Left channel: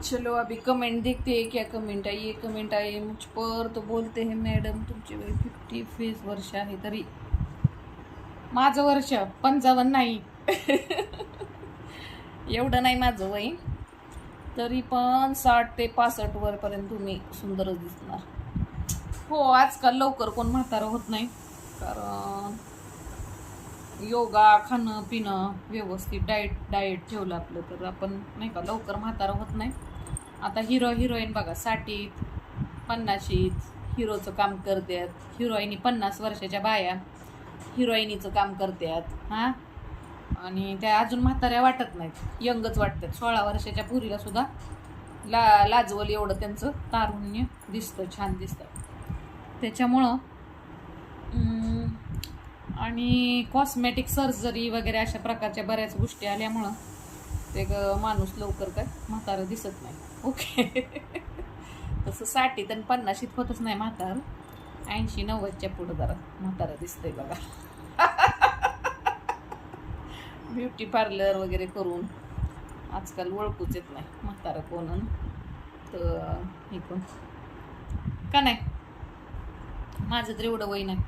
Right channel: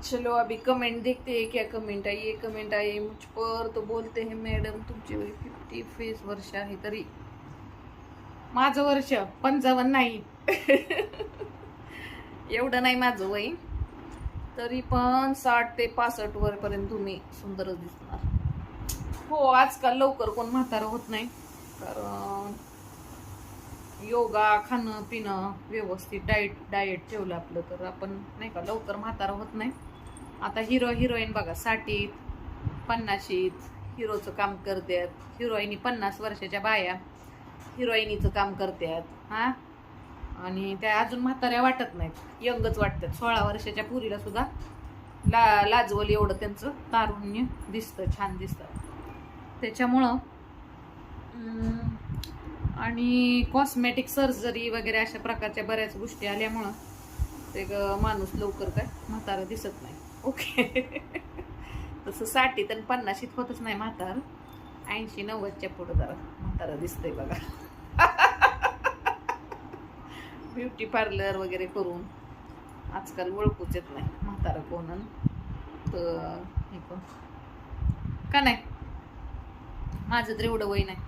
चलो अभी कमेंट देखते हैं, क्या कमेंट आई है. कमेंट आई मुझ पर तो बोलते हैं मॅडम तुमचे वय 50 वर्ष आहे तरी माझं वर्ष 55 नाही. एवढं नाही माझं वय, तरी पण 60 ते 65 वरपर्यंत तुम्ही सुंदरच दिसणार. हो, आजकाल लवकर कोण म्हातारं होत नाही, कारण योगा, खाणं पिणं व्यवस्थित, डाएट ठेवलं आपलं तर आपण नाही का लवकर म्हातारं होत नाही. आता हिरोईन बघा 60, 50 हिरोचं काम करतात. हिरोईनी 50 वर्षाच्या बाया हिरोईनीचं काम करतात हां, आणि त्या अजून म्हाताऱ्या वाटत नाहीत, यंगच वाटतात. 16 वर्षाच्या पुरीला सुद्धा लाजवल एवढं त्यांचं तारुण्य दिसतं, छान दिसतं. त्याच्यामुळं आणि कॉस्मेटिक सर्जरी वगैरे अशा प्रकारच्या बऱ्याच गोष्टी आल्यामुळं ते माणूस लवकर काय म्हातारा दिसत नाही. ओके. तसं 60 आणि 50 होतच नाही म्हातार, 80-90च्या पुढं जरा म्हातारा दिसतंय बघा. ब्युटी पार्लर वगैरे करून आजकाल ओळखूच येत नाही म्हातारा कोण तर हे कोण का नाही. माझं तर एवढं वय नाही.